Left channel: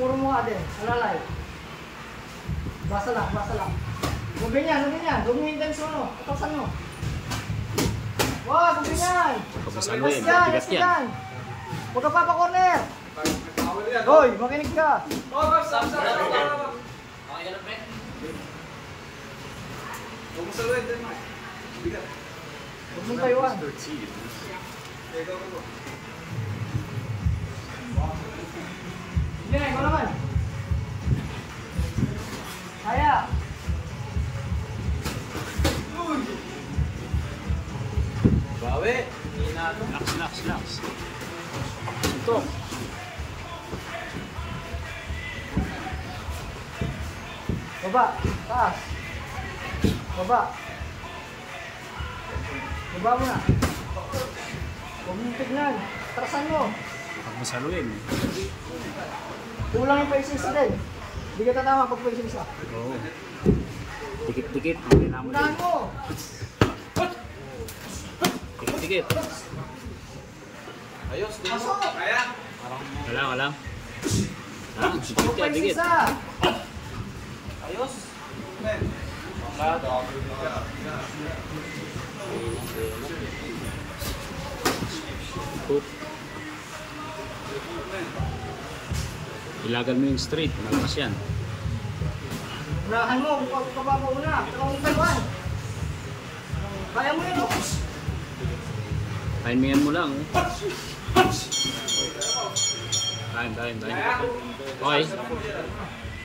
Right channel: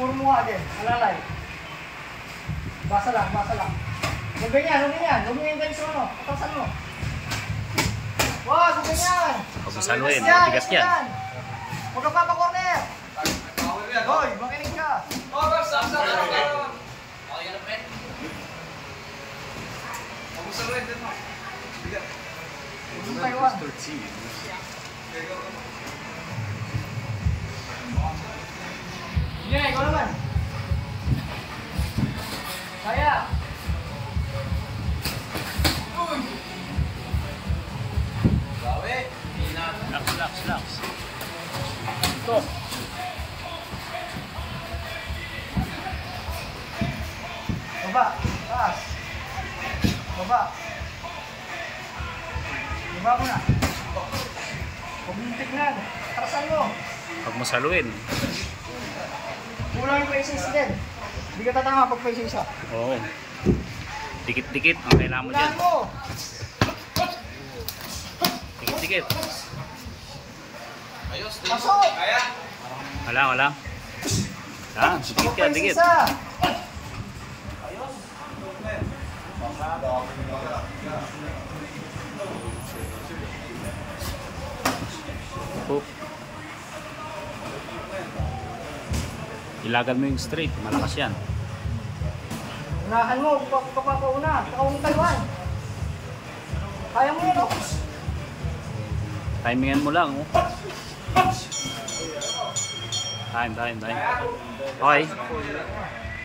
puro mukha din. Alalay. Basa lang, basa lang. Huwag ganyan, huwag ganyan. Huwag ganyan guys, ano? Patasan mo. Wag, huwag ganyan. Pag masaluin, matigas yan. Huwag ka papa-corner. Hoy, makinig ka. Okay, yun ang pre. Huwag mo saluhin din mo. Bigat. Huwag mong Taiwan. Sige, ikaw naman. Kaya. Bawi. Relax. Tutok. Baba, taas. Baba. Baba mo na. Huwag mong tignan. Atrasan mo. Pag masaluin. Kulang yung paisa din. Hindi ka tatama pag paisa isa. Oo. Dikit-dikit. Ang kailangan mo dyan. Kulang mo. Dikit-dikit. Ayos, din. Pasok. Kaya? Wala. Ah, dikit ka, dikit. Ayos. Hoop. Ilagan mo yung straight. Malakas yan. Unahan mo kung ka pa una. Saka huwag Taiwan. Kaya mo yan, oh. Timingan mo lang. Oh. Time. Okay.